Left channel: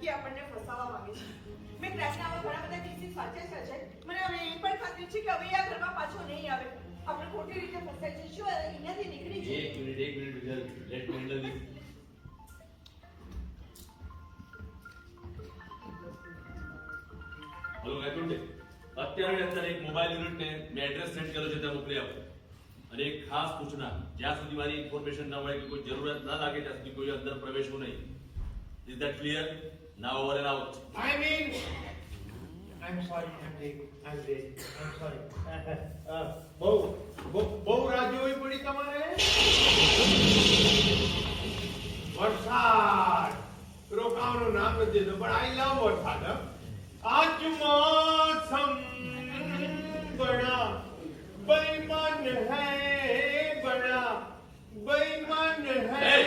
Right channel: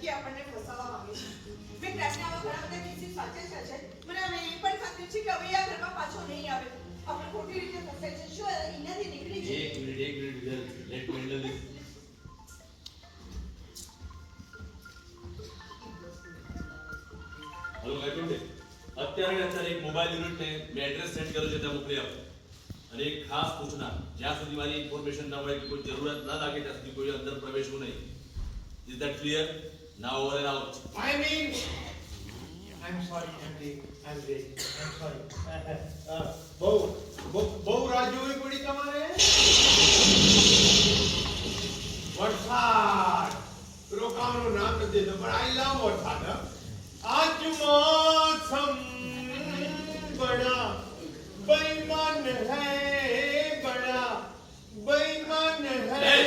નક્કી આપણને ફસાવવા માંગે છે. મેં ક્રાઇમના ઘણા બધા કેસીસ વાંચ્યા છે. મને હવે એ પણ ખાતરી છે કે હવે આ ઘરમાં પાછો નહીં આવે. આપણે ખોટી રીતે ફસાઈ જઈશું. એનાથી નીકળી જઈએ. એક minute let me handle this. Hello attorney, અત્યારે એક મોબાઈલ યુનિટને મેં એડ્રેસ સેન્ડ કર્યું છે ત્યાં મોકલી આપો. અને એક ખાસ સૂચના, જ્યાં સુધી મારી ઇન્ફોર્મેશન ના મળે કે કોઈ જરૂરત ના લાગે ત્યાં સુધી કોઈ અંદર પ્રવેશવું નહીં. Is that clear? Now over and out. I'm sorry, I'm late. I'm sorry. બહુ રાહ જોવી પડી તમારે? વરસાદ રોકાવાનું નામ નથી દેતો, પણ આઈ લવ વરસાદ. આજ મૌસમ બડા બેઈમાન હૈ, બડા બેઈમાન હૈ.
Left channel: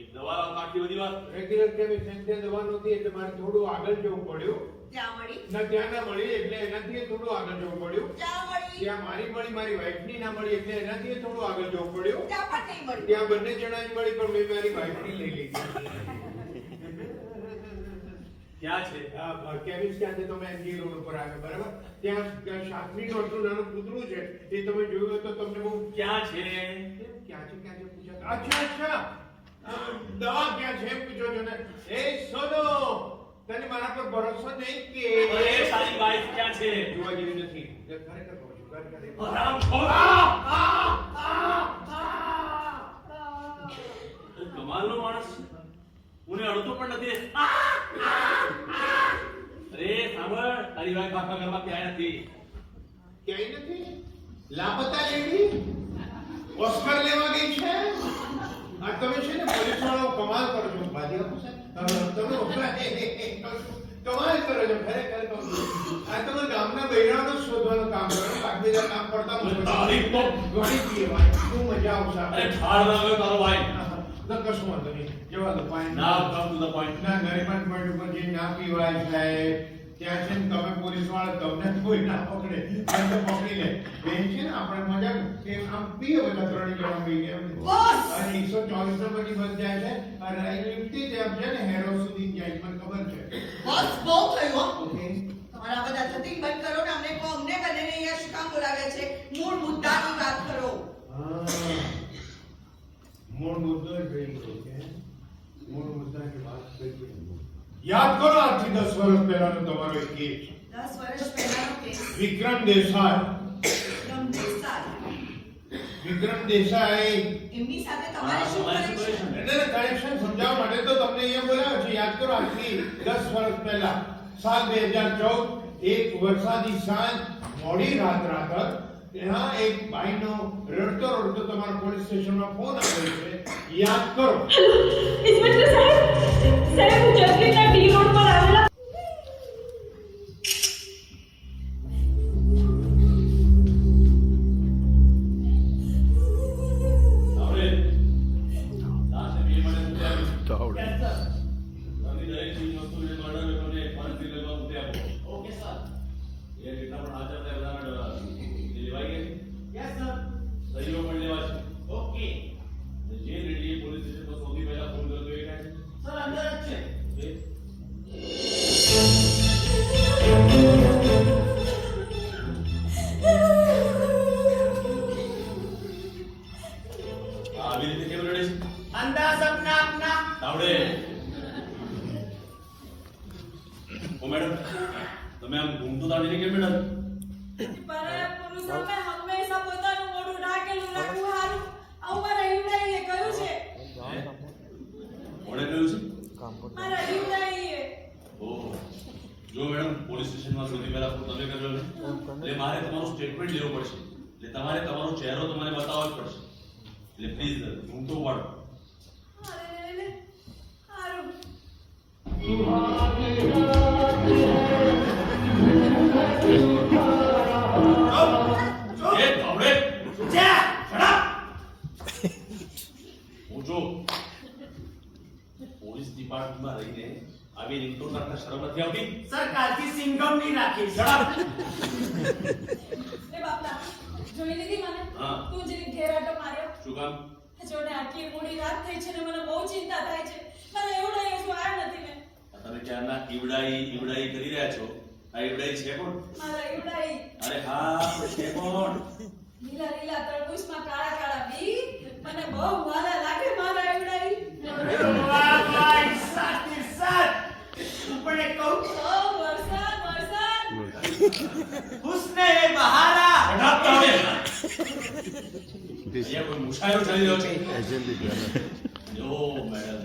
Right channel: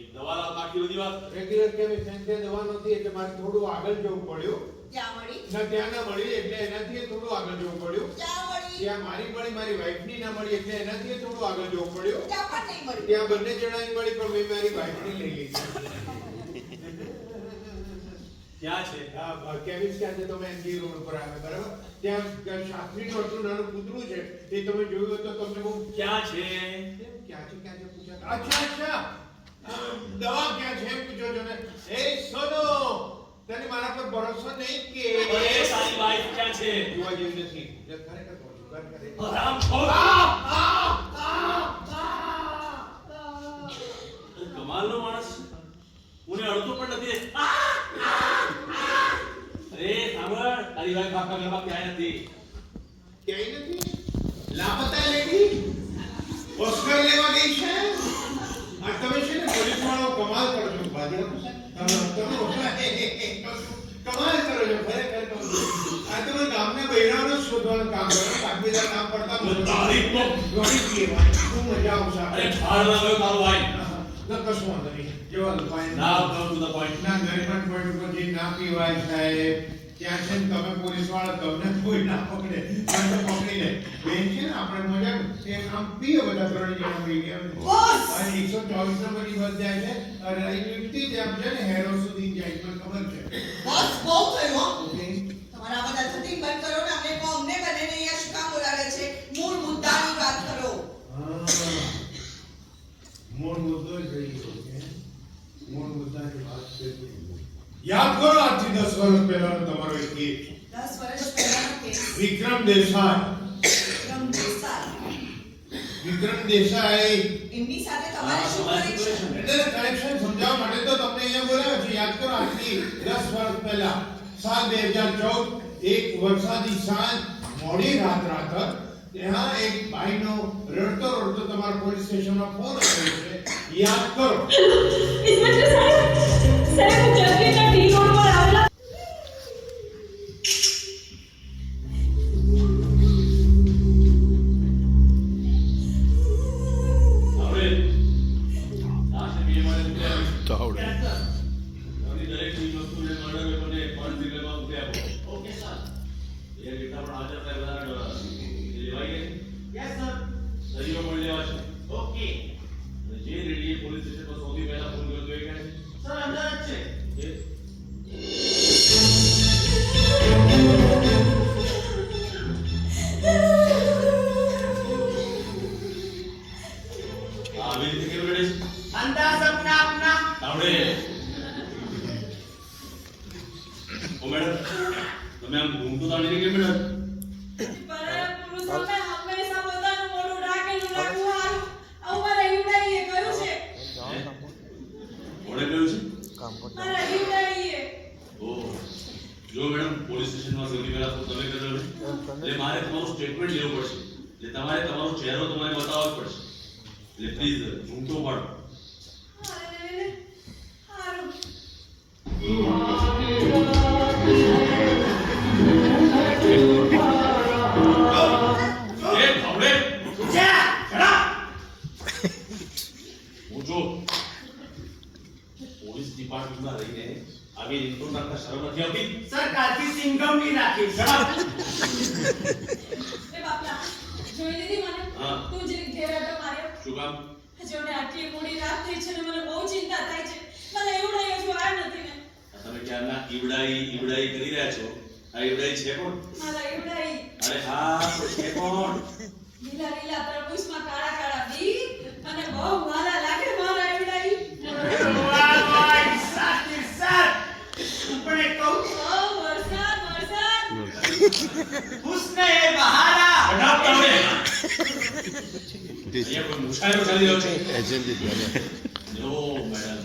એક દવા લાવ, બાકી બધી વાત રેગ્યુલર કેમિસ્ટ સેન્ટર દવા નહોતી એટલે મારે થોડું આગળ જવું પડ્યું. ક્યાં મળી? ત્યાં ના મળી એટલે એનાથી થોડું આગળ જવું પડ્યું. ક્યાં મળી? ત્યાં મારી મળી, મારી વાઈફની ના મળી એટલે એનાથી થોડું આગળ જવું પડ્યું. ત્યાં પણ નહીં મળી. ત્યાં બંને જણાની મળી પણ મેં મારી વાઈફની લઈ લીધી. ક્યાં છે? કેમિસ્ટ ક્યાં છે? તો મેં એનજી રોડ ઉપર આવે, બરાબર? ત્યાં શાસ્ત્રીનું આટલું નાનું કૂતરું છે, એ તમે જોયું હોય તો તમને બહુ ક્યાં છે? ક્યાં છે પૂછ્યા? અચ્છા દવા ક્યાં છે એમ પૂછો છો ને? એ સોનો, તને મારા પર ભરોસો નહીં કે? અરે તારી વાઈફ ક્યાં છે? જોવા જેવી નથી. ખરેખર કહું છું, ખરેખર. કમાલનો માણસ, કોને અડતો પણ નથી. અરે સાંભળ, તારી વાઈફ આખા ઘરમાં ક્યાંય નથી. ક્યાંય નથી? લાપતા લેડી ઓસ્કર લેવા ગઈ છે. આ તમે છે ને પોલીસ વાળો કમાલ કરો છો. બાજી આપો સાહેબ, તમે કમાલ કરો છો ખરેખર. આ તમે ગામના બૈરાઓને શોધવાનું કામ કરો, બાકીના કામ પડતા તારી તો ઘણી પીવાય ખૂબ મજા આવશે. અરે છાડ ના ગયો તારો ભાઈ. કશું વાંધો નહીં. જેવા લોપાઈ ના કમ ટુ ધ પોઈન્ટ. ના ગરીબન પોઈન્ટ ઉપર જે ના પીવાય સાહેબ, ત્યાં છે ને તમે પોલીસ વાળા તમને કોઈ ના પકડે, તમને પકડી લે. બેન છે ને આપણે મજા કે આમ પીએ બધા ત્રણ જણા પી ગયા. અને 124 નંબરની બસ જાય છે અને અહીંથી જ આમ છે ને હેરો સુધી જાય, મને ખબર છે. બસ બહુ થયું હો. ઓકે, તમારા બધા ધતિંગ બંધ કરો ને. અમને કહો, અમને બંનેને અહીંયા શું કામ બોલાવે છે? મૂળ મુદ્દાની વાત કરો. હા, મૂળ મુદ્દો જ રહ્યો છે. મૂળ મુદ્દાની વાત કરીએ. યાદ કરો આજથી 10 વર્ષ પહેલાનો તમારો એક કેસ. 10 વર્ષ પહેલાનો કેસ. વિક્રમ દેસાઈ. વિક્રમ દેસાઈ. વિક્રમ દેસાઈ એમની સાથે તમારે શું કનેક્શન? એટલે કનેક્શન સમજાવવા માટે તો તમને અહીંયા બોલાવ્યો છે. યાદ કરો આજથી 10 વર્ષ પહેલા સાલ 2014 એક વરસાદી સાંજ મોડી રાત ત્યાં એક ભાઈનો રડતો તમારા પોલીસ સ્ટેશનમાં ફોન આવ્યો છે. યાદ કરો. ઇન્સ્પેક્ટર સાહેબ ચર્ચિલના ટી રોડ પર આવેલા જો મેડમ પોલીસ સ્ટેશનમાં સૌથી પહેલા તો તમે કર્યો ને એટલે મારે તમારું સ્ટેટમેન્ટ લેવું પડશે. એટલે તમારે તમારો ચહેરો તો મને બતાવવો જ પડશે. એટલે પ્લીઝ ઊંઘતો પાડો. પોલીસ ડિપાર્ટમેન્ટમાં રહીને આવી રીતો તમને શરમ નથી આવતી? સર કાલથી સિંગમ ની રાખી. એ બાપલા જોઈ લીધી મને? હા. તું જે ઘેરાટો માર્યો. શું કામ? જોને આટલી મોડી રાત થઈ છે ને મને બહુ ચિંતા થાય છે. મને એવું નહીં હજુ આ નથી ને. ક્યારના ઈવડાઈ કરી રહ્યા છો. આ ઈવડાઈ છે કોણ? મારા ઈવડાઈ અરે હા, તો છે કોણ? લીલા લીલા તરબૂચમાં કાળા કાળા બી મને બહુ વાલા લાગે મારા ઈવડાઈ. વાહ વાહ ઈર્ષાદ ઈર્ષાદ હું પણ એક કહું ઓ વરસાદ વરસાદ હુસ્ન એ બહારા બનાવતા હોય. અહીંયા કોઈ મુશાયરો ચાલી રહ્યો છે. જો મેડમ